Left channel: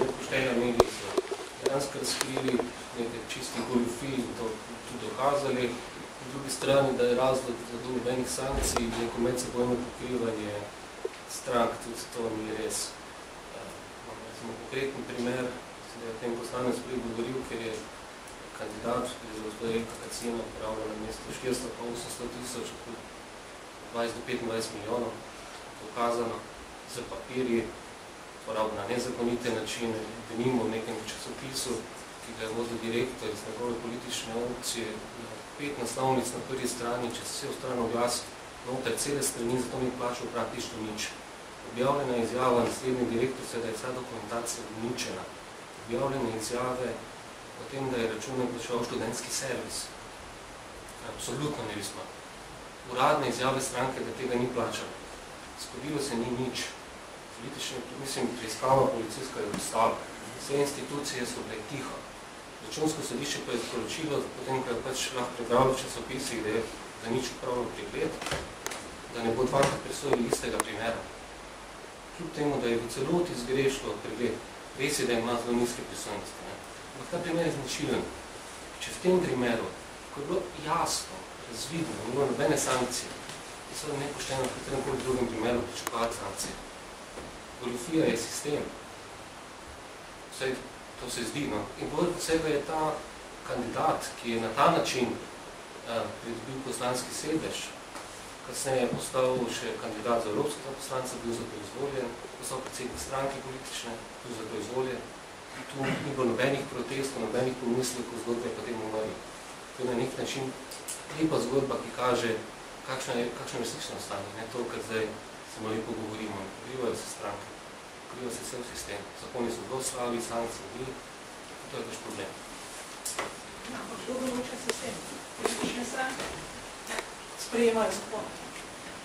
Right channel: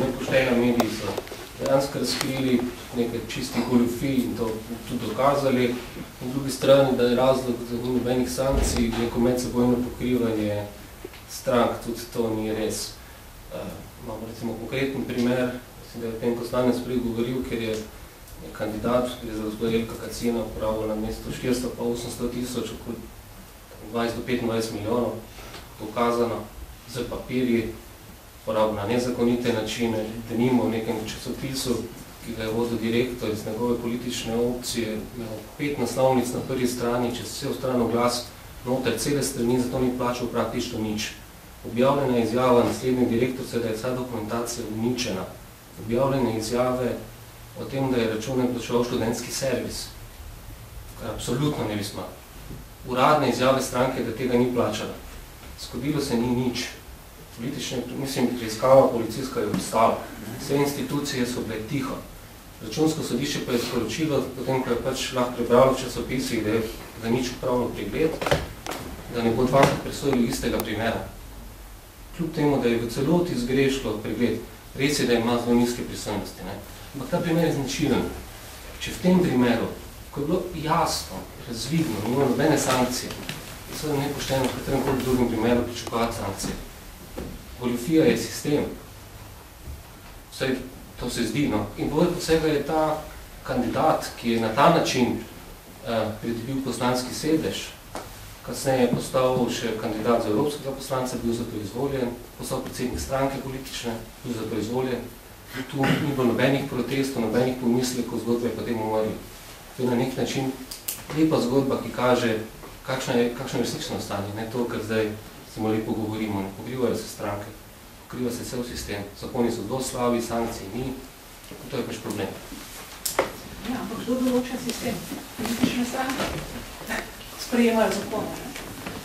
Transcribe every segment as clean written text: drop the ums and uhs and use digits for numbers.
nepoštena mediji so dejansko razkrili nekaj čistih goljufij in to tudi dokazali. Na drugi strani, da je razlog za nobenih sankcij, neko medsebojno pokrivanje strank, tudi to ni res. Imamo recimo konkreten primer, da je o tem poslanec prej govoril, ker je kandidat, gre za gospod Jelka Kacina, upravil na mesto 400 pa 800 tisoč, okoli 20 do 25 milijonov, dokazano z papirji, porabil na nezakonite načine, denimo v nekem časopisu, ki ga je vodil direktor iz njegove politične opcije, 5 naslovnic na prvi strani, čez vse stran oglas, noter cele strani, zato ni plačal praktično nič. Objavljena izjava naslednje direktorce, da je vsa dokumentacija uničena. Objavljene izjave o tem, da je račune plačeval študentski servis, kar absolutno ne bi smel. Uradne izjave stranke, da tega ni plačala. Zgodilo se ni nič. Politične, mislim, preiskava policijska je obstala. Vse institucije so bile tiho. Računsko sodišče pa je sporočilo, potem, ko je pač lahko prebralo v časopisih, da je za nič upravno pregled, da ne bo dvakrat presojili istega primera. Kljub temu, da je v celoti zgrešilo pregled, res je, da ima zelo nizke pristojnosti. Ampak ta primer je značilen. Če v tem primeru, ko je bilo jasno, razvidno, nima nobene sankcije, je seveda nepošteno v kateremkoli drugem primeru pričakovati sankcije. Goljufija je sistem. Vsaj to se zdi. In povrh vsega je ta kandidat, ki je na ta način pridobil poslanski sedež, kasneje je postal še kandidat za evropskega poslanca, bil za to izvoljen, postal predsednik stranke politične, bil za to izvoljen. Tu ni bilo nobenih protestov, nobenih pomislekov, zgodbe je potem umrli. To je na nek način lepa zgodba, ki kaže, kakšno je resnično stanje. Ne to, kar zdaj samo lepo govorimo. Ne pokrivajo se stranke, pokriva se cel sistem. Zakoni so zelo slabi, sankcije ni. To je pač problem. Ja, ampak kdo določa sistem? Politične stranke sprejemajo zakone.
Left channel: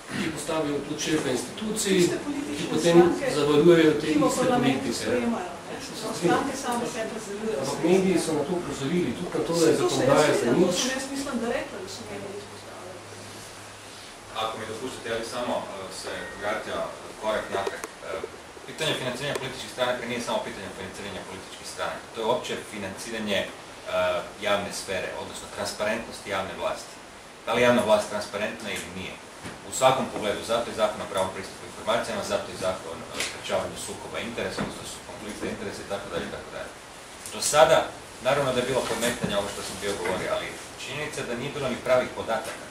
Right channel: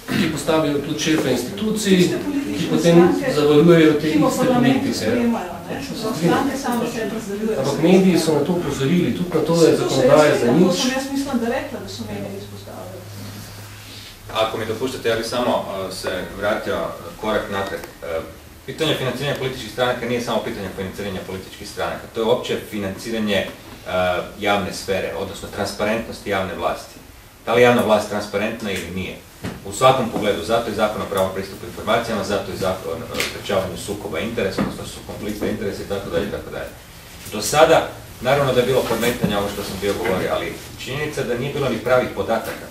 Ki postavijo tudi šefe institucij, ki potem zavarujejo te iste politike. Ampak mediji so na to upozorili, tudi na to, da je zakonodaja za nič. To sem jaz mislim, da rekla, da so mediji izpostavili. Ako mi dopuštate, ja bi samo se vratio korak napred. Pitanje financiranja političkih stranaka nije samo pitanje financiranja političkih stranaka. To je uopće financiranje javne sfere, odnosno transparentnosti javne vlasti. Da li je javna vlast transparentna ili nije? U svakom pogledu, zato je zakon o pravom pristupu informacijama, zato je zakon o sprečavanju sukoba interesa, odnosno su konflikta interesa itd. itd. Do sada, naravno da je bilo podmetanja ovo što sam bio govorio, ali činjenica da nije bilo ni pravih podataka,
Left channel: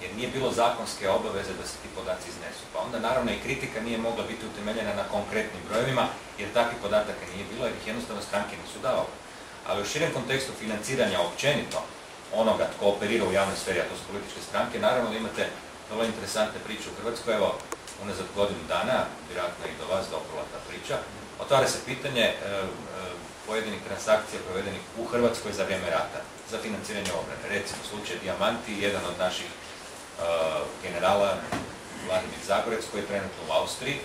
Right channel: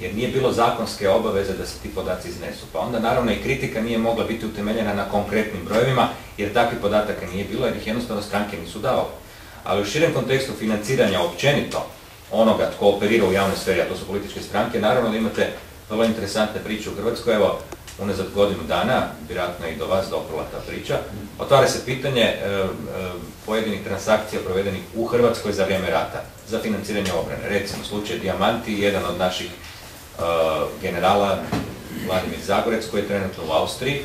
jer nije bilo zakonske obaveze da se ti podaci iznesu. Pa onda naravno i kritika nije mogla biti utemeljena na konkretnim brojevima, jer takvih podataka nije bilo, jer ih jednostavno stranke nisu davale. Ali u širem kontekstu financiranja općenito onoga tko operira u javnoj sferi, a to su političke stranke, naravno da imate vrlo interesantne priče u Hrvatskoj. Evo, unazad godinu dana, vjerojatno i do vas doprla ta priča, otvara se pitanje pojedinih transakcija provedenih u Hrvatskoj za vrijeme rata, za financiranje obrane. Recimo, slučaj Dijamanti, jedan od naših generala, Vladimir Zagorec, koji je trenutno u Austriji.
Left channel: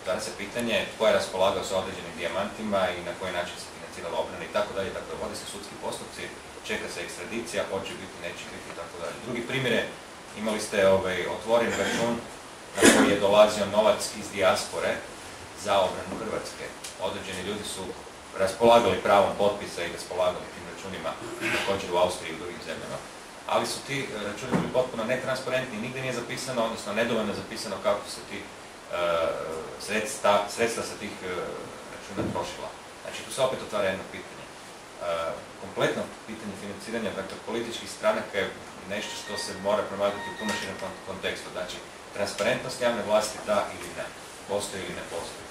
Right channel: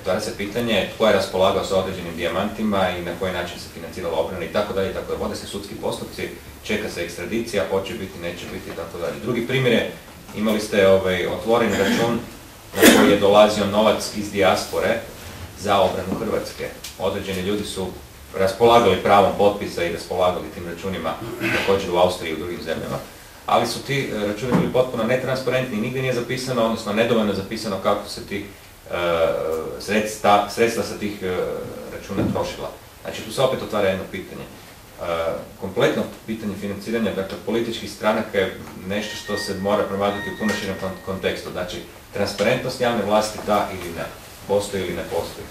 Otvara se pitanje tko je raspolagao sa određenim dijamantima i na koji način se financirala obrana i tako dalje. Vode se sudski postupci, čeka se ekstradicija, hoće biti, neće biti i tako dalje. Drugi primjer je, imali ste otvoren račun na koji je dolazio novac iz dijaspore za obranu Hrvatske. Određeni ljudi su raspolagali pravom potpisa i raspolagali tim računima također u Austriji i u drugim zemljama. Ali su ti računi bili potpuno netransparentni, nigdje nije zapisano, odnosno nedovoljno zapisano kako se ti sredstva sa tih računa trošila. Znači tu se opet otvara jedno pitanje. Kompletno pitanje financiranja, dakle političkih stranaka je nešto što se mora promatrati u puno širem kontekstu. Znači, transparentnost javne vlasti da ili ne, postoji ili ne postoji.